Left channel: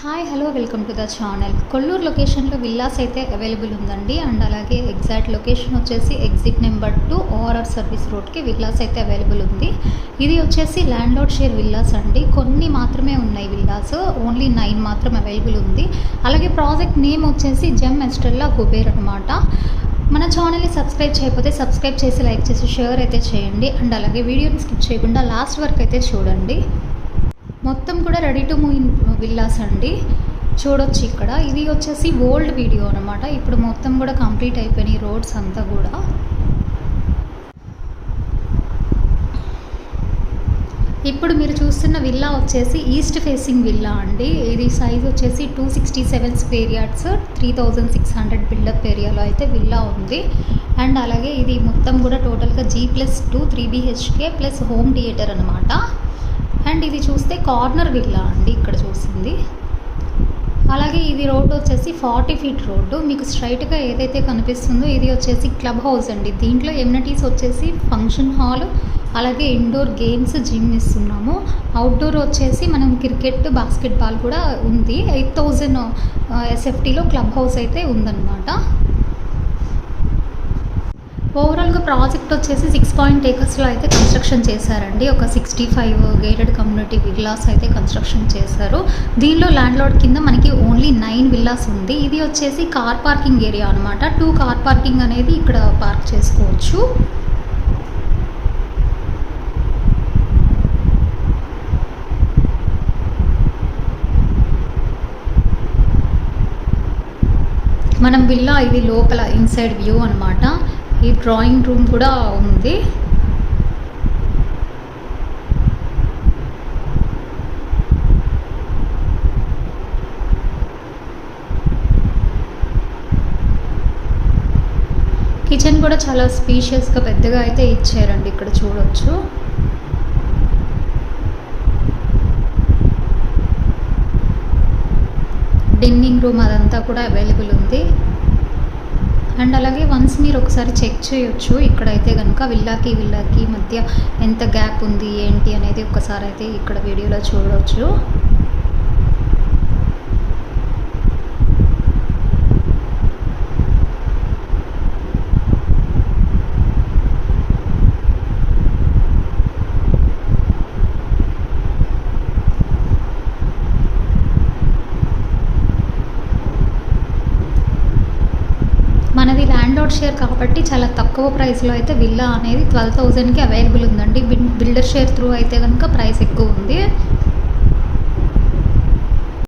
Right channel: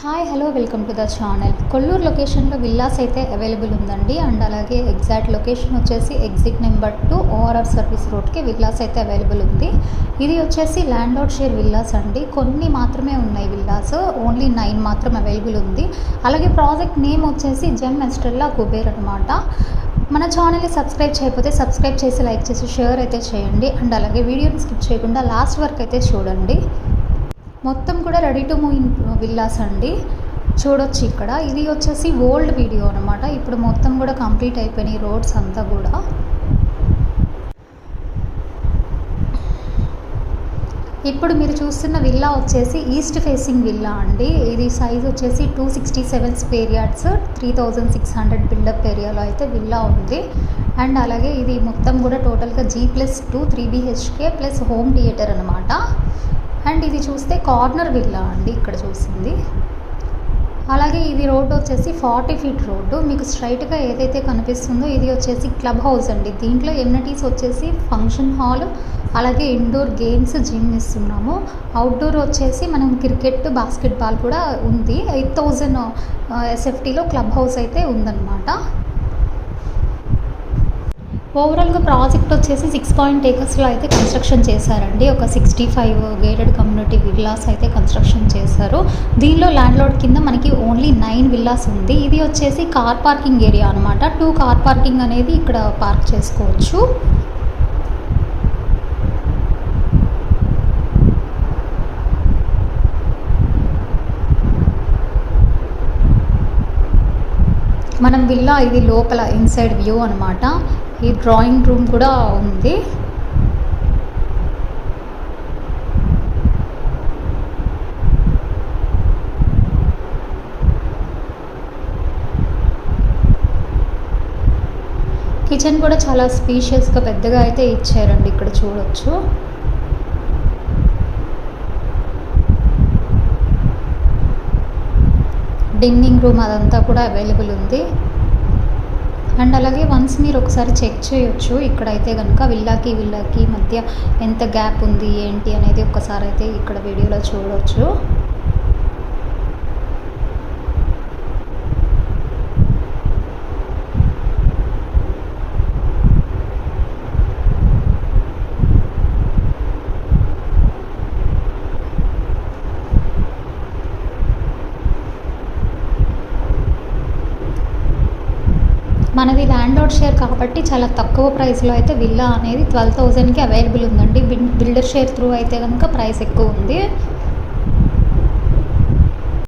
Hi hello welcome to the channel. Kollur లొకేషన్లో villas అయితే available ఉందండి. అండ్ అలాగే ఎగ్జాక్ట్ లొకేషన్ వచ్చేసి ఎగ్జిట్ నెంబర్ 2 ఓఆర్ఆర్ సర్వీస్ రోడ్కి విల్లాస్ అయితే అవైలబుల్ ఉంది. ఇది వచ్చేసి ల్యాండ్ లార్డ్ షేర్ విల్లాస్ అండి. కొన్ని మాత్రమే ఉన్నాయి విల్లాస్, ఓన్లీ 9 మాత్రం అవైలబుల్ ఉంది. అలాగే ప్రాజెక్ట్ నేమ్ వచ్చేసి జెమ్ ఎస్టెల్లా కుబేర్ అనమాట. మన ఛానల్ని సబ్స్క్రైబ్ చేయకపోతే సబ్స్క్రైబ్ చేసి లైక్ చేసి షేర్ అయితే చేయండి. అండ్ అలాగే వీడియోని స్కిప్ చేయకుండా లాస్ట్ వరకు అయితే చూడండి. మొత్తం కూడా ready to move in villas అండి. చూడొచ్చు ఇక్కడ. ఇది వచ్చేసి ఓల్డ్ వీడియో అనమాట. ఇప్పుడు మొత్తం కూడా కంప్లీట్ అయిపోయినాయి రోడ్స్ అంతా కూడా. ఇప్పుడు మీరు చూస్తున్న విల్లా వచ్చేసి ఈస్ట్ ఫేసింగ్ విల్లా అండి. ఇది సైజ్ వచ్చేసి 267 స్క్వేర్ యార్డ్స్, 3600 బిల్డప్ ఏరియాలో అయితే విల్లా ఉంది. అండ్ అలాగే ఇది మొత్తం కూడా టోటల్గా G+2 3 BHK plus home theatre అనమాట. అండ్ ఇది చూస్తే కార్నర్ విల్లా అండి ఇక్కడ చూసింది. అలాగే ఇది రోడ్ వచ్చేసి 40 ఫీట్ రోడ్డు. మీకు స్ట్రైట్గా ఏదైతే కనిపిస్తుందో ఇది వచ్చేసి క్లబ్ హౌస్ అండి. దీంట్లో ఎమ్యూనిటీస్ వచ్చేసి ఫంక్షన్ హాల్, అలాగే ఇండోర్ గేమ్స్, జిమ్ ఇస్తున్నాము. అవుట్డోర్ వచ్చేసి మనం క్రికెట్, బాస్కెట్బాల్ కూడా ఉంది. 8000 SFTలో క్లబ్ హౌస్ అయితే ఉందన్నమాట. ఓవరాల్గా ప్రాజెక్ట్ వచ్చేసి 6 acresలో అయితే కన్స్ట్రక్షన్ చేశారండి. ఒక 65 గేటెడ్ కమ్యూనిటీ విల్లాస్ అయితే కన్స్ట్రక్షన్ చేశారు. దీనిలో ల్యాండ్ లార్డ్ కింద మనకి ఓన్లీ 9 విల్లాస్ ఉంది. ఇది వచ్చేసి కార్ పార్కింగ్ ఏరియా అనమాట. 2 కార్ పార్కింగ్ అనేది ఇక్కడ పార్క్ చేసుకోవచ్చు. మనం విల్లా ఇది లోపల ఇన్సైడ్ వ్యూ అనమాట. ఈ డ్రాయింగ్ రూమ్ కూడా ఉంది. కిచెన్ కూడా చాలా స్పీషియస్గా పెద్దగా అయితే ఇచ్చారండి. ఇక్కడ చూడొచ్చు. డిన్నింగ్ రూమ్ అదంతా కూడా అవైలబుల్ ఉంది. అండ్ అలాగే వన్స్ మీరు ఒకసారి చెక్ చేయొచ్చు. ఇక్కడైతే కనుక విల్లాకి మధ్య ఎంత గ్యాప్ ఉంది ఏంటి అనేది ఒకసారి అయితే ఇక్కడ వీడియోలో చూడవచ్చు. మనది ల్యాండ్ లార్డ్ షేర్ కాబట్టి చాలా తక్కువ ప్రైస్లో అయితే విల్లా అనేది 12,000కి అవైలబుల్ ఉందండి. బిల్డర్ షేర్ త్రూ అయితే కనుక ప్రైస్ ఎక్కువ ఉంది.